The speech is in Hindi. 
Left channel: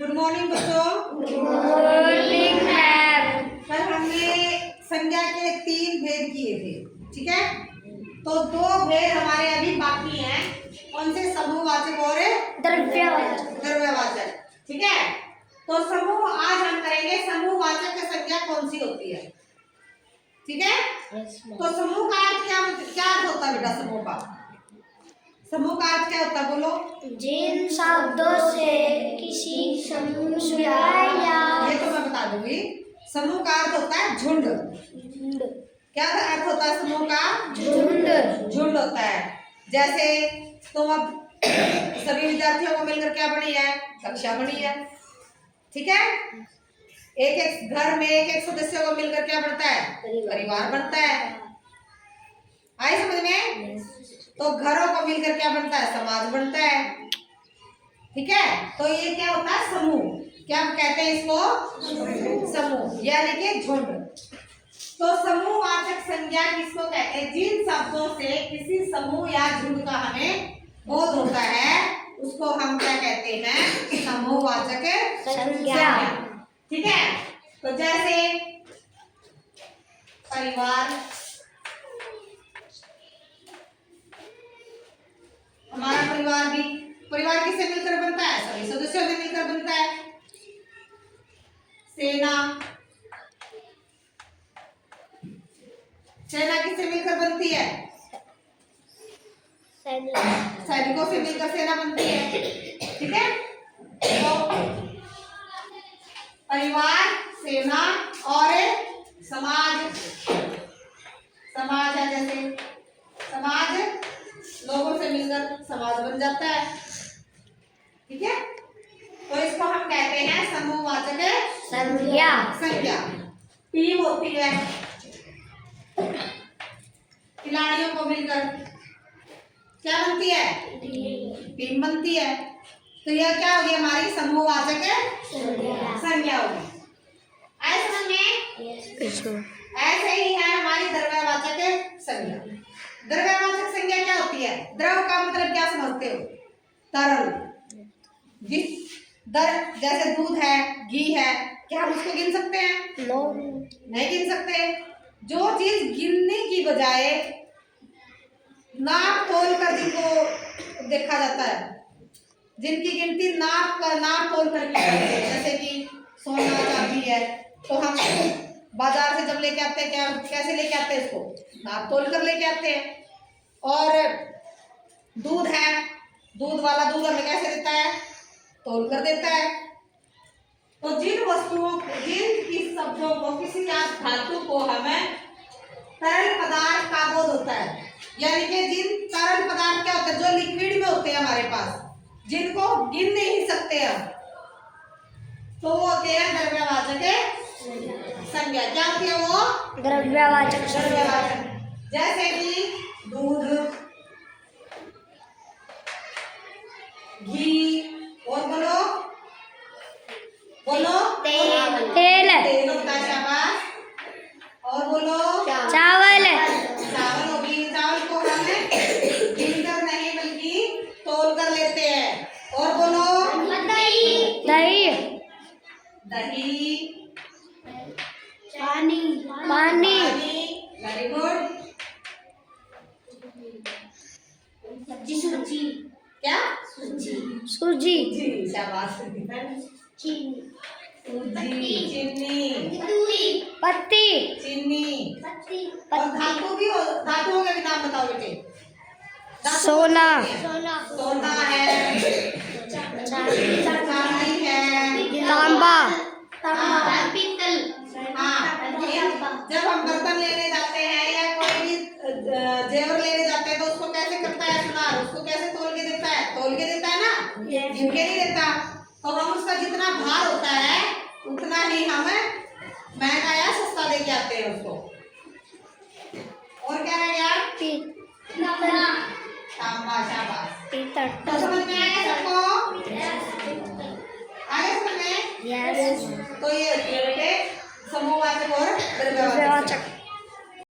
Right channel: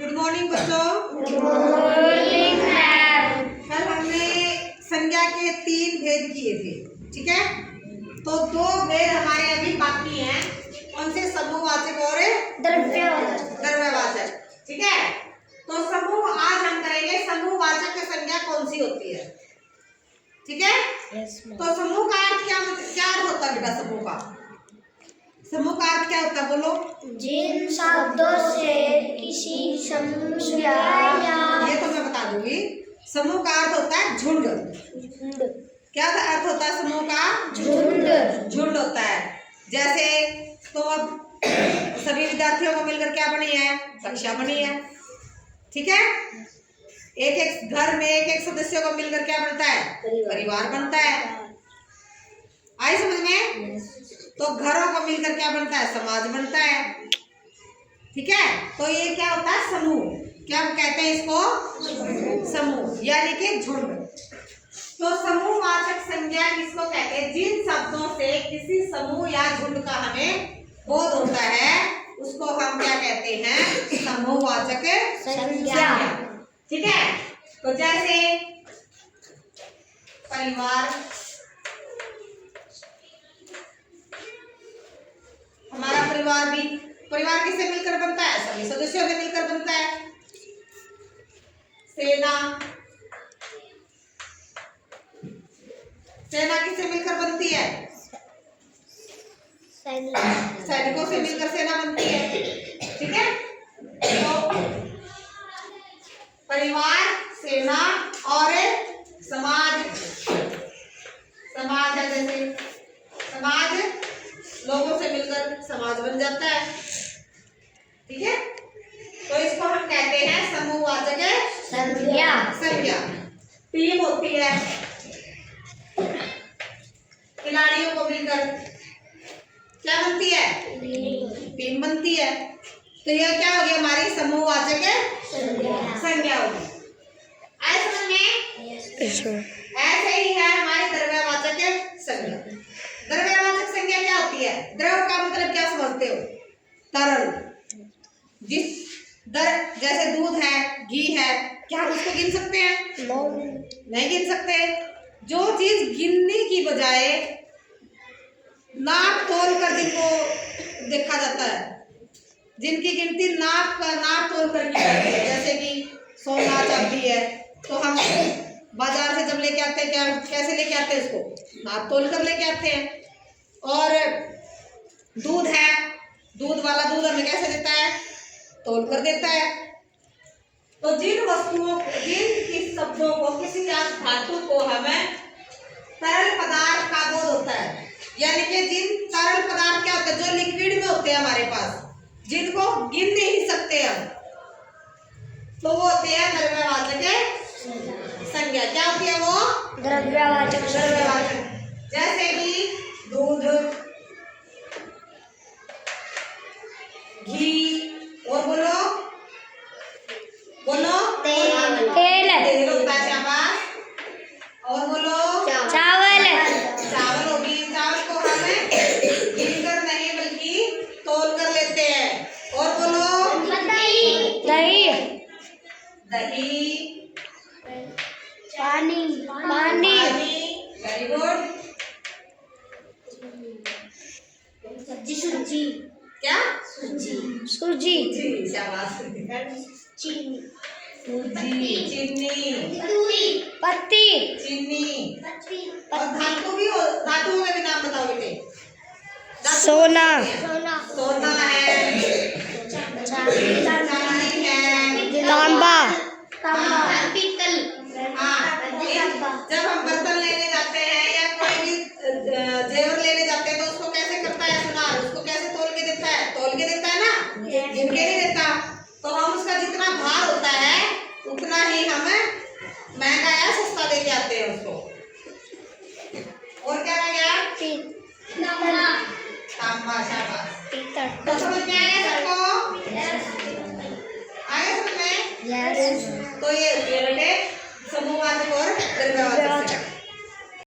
गुड मॉर्निंग बच्चों। Good morning ma'am. कल हमने संज्ञा के 3 भेद किए थे, ठीक है। तो 2 भेद हमारे अभी बाकी हैं। कौन से? समूहवाचक और द्रव्यवाचक, ठीक है। तो समूह आज हम करेंगे समूहवाचक की संज्ञा कौन सी होती है, ठीक है। तो समूह का अर्थ क्या होता है बेटा? समूह का अर्थ क्या होता है? बोलो। जिन शब्दों से किसी समूह या ये तो मैं बता दूंगी। समूह का अर्थ होता है झुंड। क्या अर्थ होता है समूह का? झुंड होता है। जैसे तुम अब सभी विद्यार्थियों को मिलकर क्या बनी है? कक्षा बनी है, ठीक है। एक घर में एक सदस्य को मिलकर क्या बनता है? परिवार बनता है। आई समझ में? तो घरों को मिलकर क्या बनता है? समाज बनता है, ठीक है। तो ये क्या होता है? समूह। क्या कहते हैं इसको? समूह, यानी कि झुंड। तो समूहवाचक संज्ञा किसको कहते हैं? जिन शब्दों से किसी समूह या झुंड का हमें बोध होता है उसको हम क्या कहते हैं? समूहवाचक संज्ञा, ठीक है। तो जैसे परिवार, हमारा परिवार किससे मिलकर बनता है? सभी सदस्यों से मिलकर बनता है। सेना किससे मिलकर बनती है? सैनिकों से मिलकर सेना बनती है, ठीक है। तो परिवार, सेना और समाज है। जैसे समाज लोगों से मिलकर समाज बन जाता है, ठीक है। तो इसको हम कहते हैं समूहवाचक संज्ञा। टीम होती है, खिलाड़ियों को मिलकर क्या बनती है? टीम बनती है। तो यह क्या होगी? हमारी समूहवाचक संज्ञा होगी। समझ में? ऐसे ही है हमारी द्रव्यवाचक संज्ञा। द्रव्यवाचक संज्ञा क्या होती है? द्रव का मतलब क्या समझते हो? तरल। जैसे दूध है, घी है, क्या हम उसको गिन सकते हैं? नहीं गिन सकते। जो चीज गिनने की बजाय नाप तोल कर जिनको देखा जाता है, जिनकी गिनती नाप तोल कर की जाती है, जैसे कि सोना चांदी है, तो हम बाजार से जब लेके आते हैं क्या कैसे लेके आते हैं? उसको नाप तोल कर लेके आते हैं। और दूध है, दूध वाला दूध हमें कैसे देता है? तोल कर देता है। तो जिन वस्तुओं को, जिन शब्दों को, किसी धातु को हमें तरल पदार्थ का बोध होता है, यानी कि जिन तरल पदार्थ क्या होता है? जो लिक्विड में होते हैं हमारे पास, जिनको गिन नहीं सकते हम, तो वो होते हैं द्रव्यवाचक संज्ञा। क्या होती है वो? द्रव्यवाचक। जैसे कि दूध, घी, और बोलो तेल होता है। शाबाश। और बोलो चावल होगी। चावल को हम गिन कर नहीं बल्कि तोल कर लेते हैं। और बोलो दही पानी। Very good. सूजी। क्या? सूजी। शाबाश। चीनी। पत्ती। चीनी। और धातुओं के भी नाम बताओ बेटे। सोना है, चांदी है, तांबा। पीतल। हाँ, जब हम बर्तन लेने जाते हैं या कोई भी जेवर लेने जाते हैं तो उसको कैसे करता है सुनार? उसको कैसे तोल के देता है? तोल के देता है ना, गिन के नहीं देता। तो हम उसका जितना भार होता है उतना ही हम महंगा या सस्ता लेके आते हैं उसको। और क्या रह गया? तांबा। शाबाश। तो समझ में आया सबको? आगे समझ में? यस। तो ये